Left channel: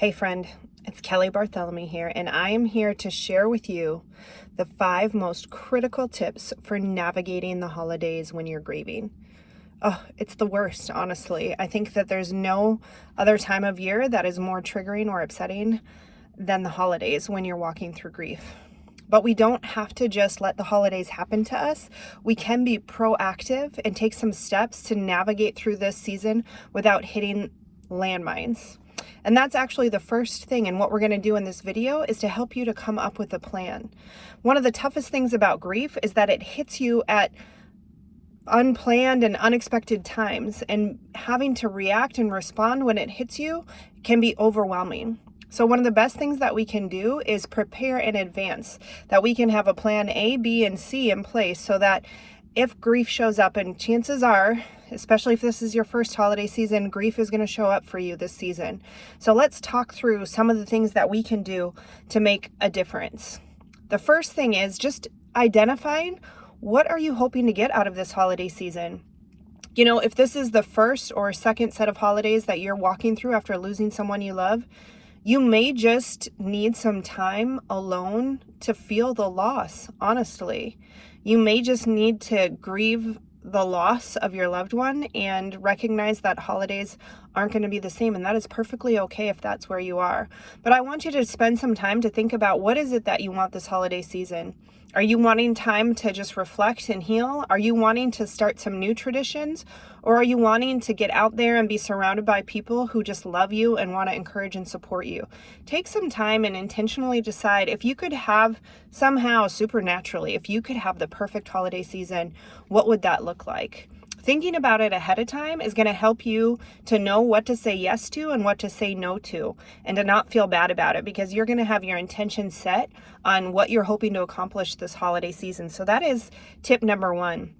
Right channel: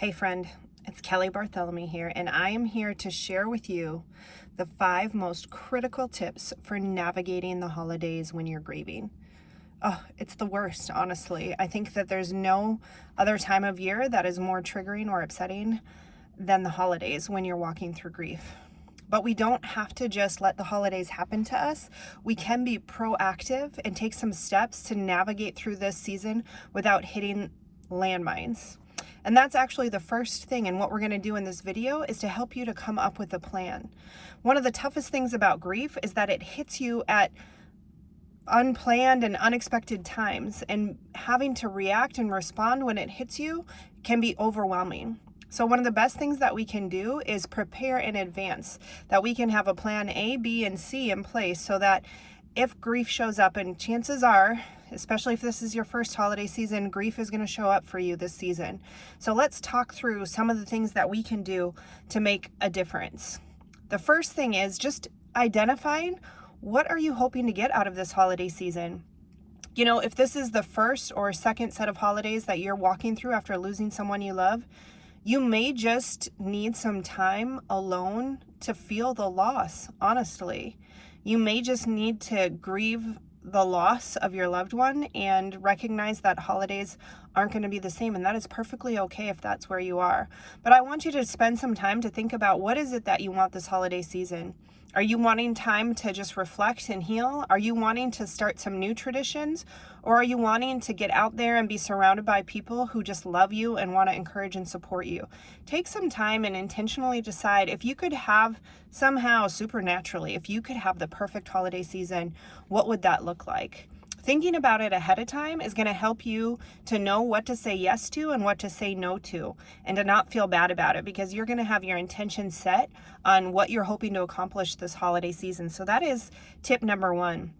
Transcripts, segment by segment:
Hey friend, it's Kelly Bartholomew here, and I am here to share with you the 5 most critical tips for navigating the holidays when you're grieving. Oh, it's the worst, honestly. I think that there's no other time of year that is more triggering or upsetting than the holidays when you're walking through grief. But we don't have to just let the holidays happen to us. We can be proactive and take some steps to navigate through this season without hitting landmines. And that's actually the first thing, and what we're going to do in this video is to help you to come up with a plan. One of the toughest things about grief is that it hits you at unplanned and unexpected times, and having to react and respond when it hits you can be overwhelming. So one of the best things that we can do is prepare in advance, that we can have a plan A, B, and C in place so that if grief shows up, and chances are, especially if this is your first holiday season, grief is going to show up for you this season. So let's talk through some of the things that we can do to make a difference. The first thing is just identifying, what are you hoping to get out of this holiday season? You know, if this is the first or second set of holidays that you're walking through after losing someone you love, you may just need some time alone to feel the loss, honestly. You may just need to grieve the loss of your loved one and recognize that holidays aren't going to be the same, and that is perfectly okay if that's where you are. But I want you to spend some time to think about, what is it that you want this holiday season? Are you wanting time to just reflect and heal? Are you wanting to start some new traditions? Or are you wanting to get out there and be surrounded by people who just love you and want to encourage and support you? Take some time and intentionally decide, if you could have somehow supernaturally, if you could have the perfect holiday season, what would that look like? Thinking about it ahead of time is going to help you to know what to say yes to and what to say no to, and to not feel bad about it, because you're going to have your intention set on what you're hoping to accomplish this holiday season. So that is tip number 1.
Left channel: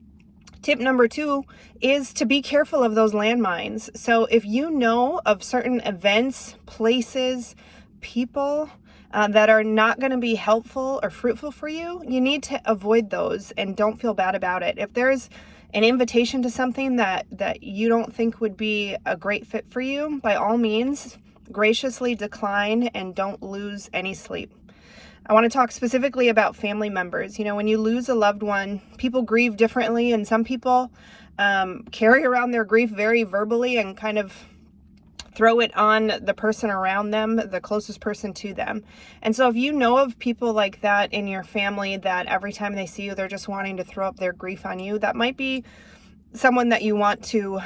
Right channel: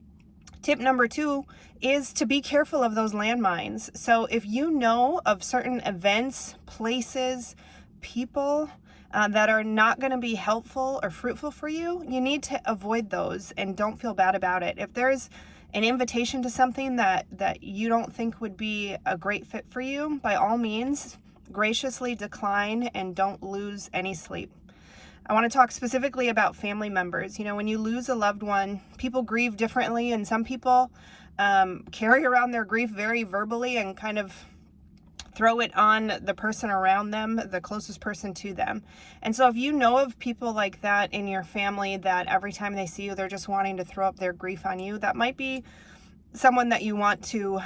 Tip number 2 is to be careful of those landmines. So if you know of certain events, places, people that are not going to be helpful or fruitful for you, you need to avoid those and don't feel bad about it. If there's an invitation to something that you don't think would be a great fit for you, by all means, graciously decline and don't lose any sleep. I want to talk specifically about family members. You know, when you lose a loved one, people grieve differently, and some people carry around their grief very verbally and kind of throw it on the person around them, the closest person to them. And so if you know of people like that in your family, that every time they see you, they're just wanting to throw up their grief on you, that might be someone that you want to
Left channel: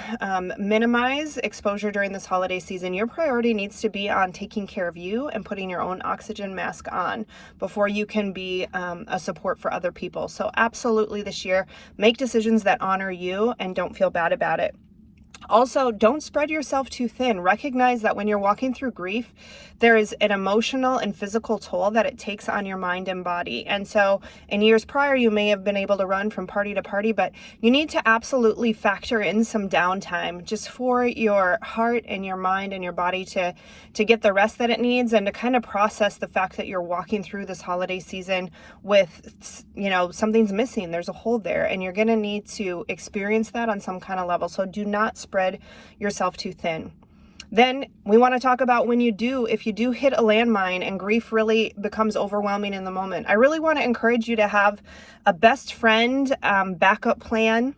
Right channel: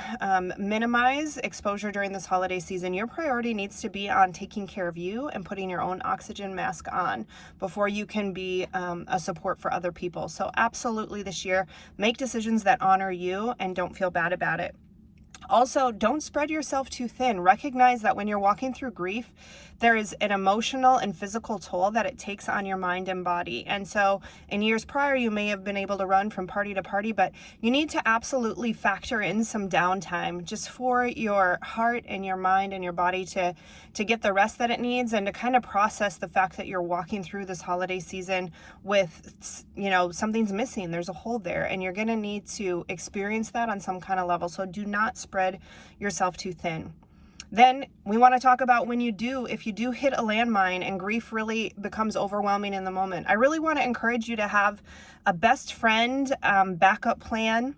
minimize exposure during this holiday season. Your priority needs to be on taking care of you and putting your own oxygen mask on before you can be a support for other people. So absolutely, this year, make decisions that honor you and don't feel bad about it. Also, don't spread yourself too thin. Recognize that when you're walking through grief, there is an emotional and physical toll that it takes on your mind and body. And so in years prior, you may have been able to run from party to party, but you need to absolutely factor in some downtime just for your heart and your mind and your body to get the rest that it needs, and to kind of process the fact that you're walking through this holiday season with, you know, something's missing. There's a hole there, and you're going to need to experience that on some kind of level. So do not spread yourself too thin. Then we want to talk about if you do hit a landmine and grief really becomes overwhelming in the moment. I really want to encourage you to have a best friend backup plan.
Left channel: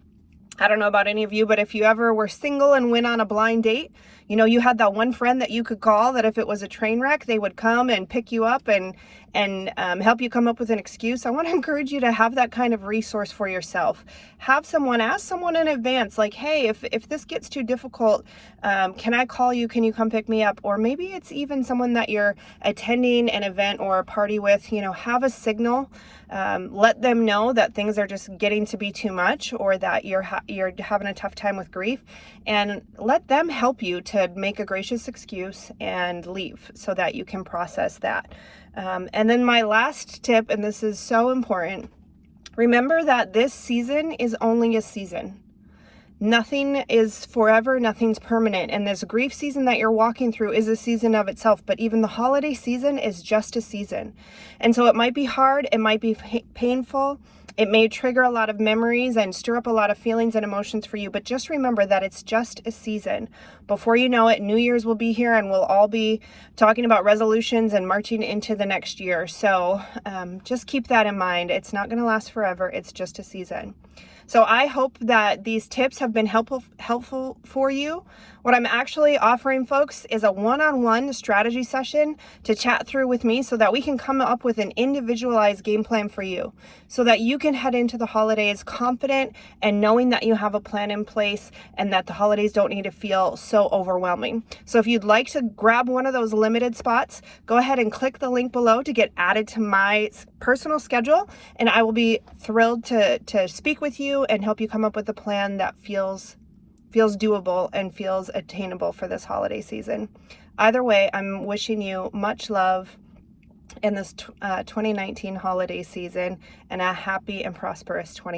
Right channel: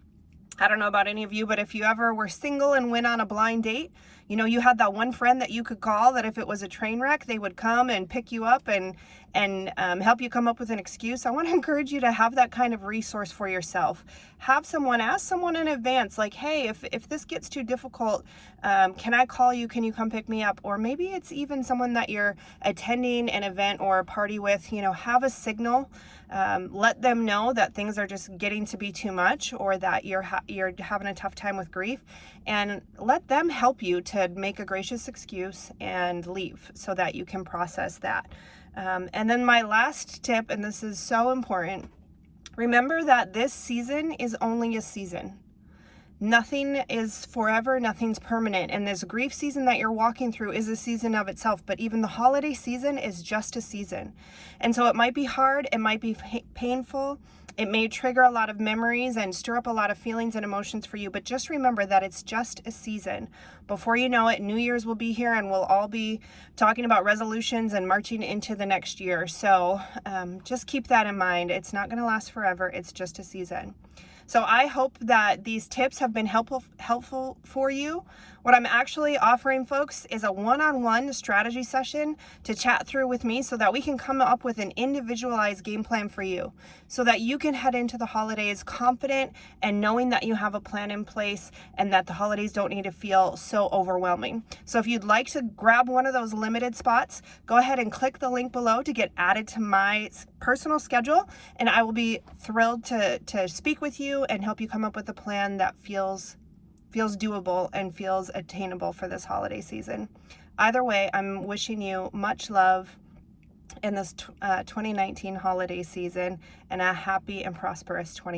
I don't know about any of you, but if you ever were single and went on a blind date, you know, you had that one friend that you could call, that if it was a train wreck, they would come and pick you up and help you come up with an excuse. I want to encourage you to have that kind of resource for yourself. Ask someone in advance, like, hey, if this gets too difficult, can I call you? Can you come pick me up? Or maybe it's even someone that you're attending an event or a party with. You know, have a signal. Let them know that things are just getting to be too much, or that you're having a tough time with grief, and let them help you to make a gracious excuse and leave so that you can process that. And then my last tip, and this is so important, remember that this season is only a season. Nothing is forever, nothing's permanent. And this grief season that you're walking through is a season of itself, but even the holiday season is just a season. And so it might be hard, it might be painful, It may trigger a lot of memories and stir up a lot of feelings and emotions for you, but just remember that it's just a season. Before you know it, New Year's will be here and we'll all be talking about resolutions and marching into the next year. So just keep that in mind. It's not going to last forever. It's just a season. So I hope that these tips have been helpful for you. What I'm actually offering, folks, is a one-on-one strategy session to chat through with me so that we can come up with an individualized game plan for you so that you can head into the holidays confident and knowing that you have a plan in place and that the holidays don't need to feel so overwhelming. So if you'd like to grab one of those limited spots, go ahead and click the link below to get added to my personal schedule, and I will be thrilled to speak with you and help you come up with a plan that feels doable and feels attainable for this holiday season. Either way, I'm wishing you much love in this 2019 holiday season and a happy and prosperous 2020.